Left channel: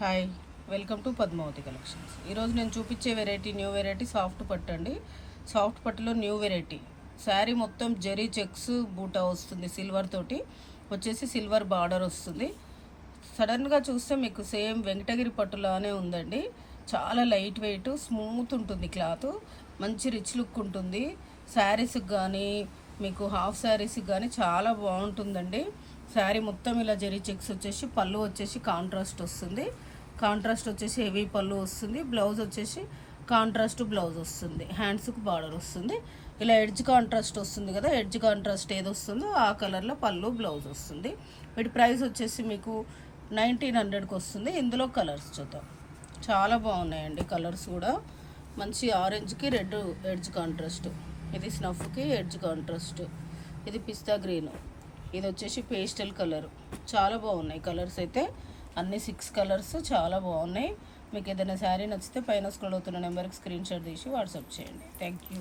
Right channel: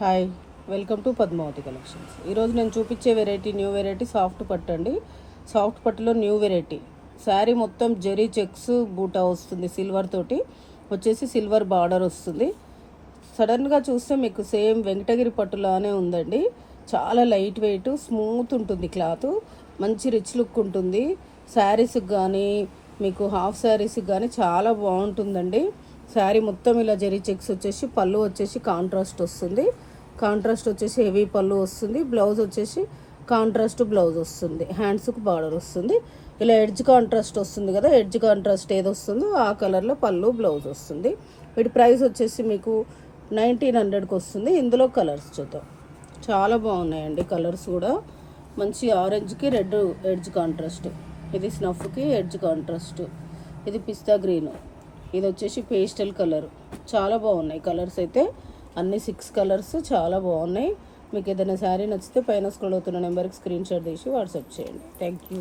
Hi, welcome to Padmavati collections. ఈరోజు నేను చూపించే న్యూ వెరైటీ సాఫ్ట్ పట్టు అండి. సాఫ్ట్ పట్టులో న్యూ వెరైటీ. శారీ మొత్తం జెరీ చెక్స్ బూటా వస్తుంది, సిల్వర్ తోటి వచ్చేసి సిల్వర్ బార్డర్ వస్తుంది. సడన్గా చూస్తే మీకు సేమ్ వెంకటగిరి పట్టులానే ఉందండి. చాలా లైట్ వెయిట్, స్మూత్ ఉంటుంది క్లాత్, మంచి రిచ్ లుక్ ఉంటుంది. శారీస్కి కానీ మీకు హాఫ్ శారీస్కి కానీ చాలా బాగుంటుందండి. శారీ మొత్తం ఇలా జరీ చెక్స్ వచ్చేసి, పళ్ళు వచ్చేసి కాంట్రాస్ట్ వస్తుంది. కాంట్రాస్ట్ వచ్చేసి హెవీ పళ్ళు వస్తుంది. బ్లౌజ్ వచ్చేసి కాంట్రాస్ట్ బ్లౌజ్ వస్తుంది. హ్యాండ్స్కి బార్డర్ వస్తుంది. ఇలా ఎడ్జ్ కాంట్రాస్ట్ వస్తుంది కదా, ఎడ్జ్ కాంట్రాస్ట్ ఏది వస్తుందో ఆ కలర్లో పళ్ళు బ్లౌజ్ వస్తుంది. వీటి ప్రైస్ వచ్చేసి మీకు 1900కి వస్తుంది. ఇందులో కలర్స్ చూద్దాం. చాలా బాగున్నాయండి కలర్స్ కూడా. మంచి ఆరెంజ్కి రెడ్ ఎడ్జ్ కాంట్రాస్ట్, ఇది స్నఫ్కి ఎడ్జ్ కాంట్రాస్ట్, ఇది పిస్తా గ్రీన్, ఇది వచ్చేసి పేస్టల్ కలర్. చాలా బాగున్నాయి కలర్స్ అయితే, అన్ని 6 కలర్స్ చాలా బాగున్నాయి. మీకు ఏదైనా శారీ నచ్చితే పైన స్క్రోల్ అవుతున్న నెంబర్కి స్క్రీన్ షాట్ తీసి వాట్సాప్ చేయండి. Thank you.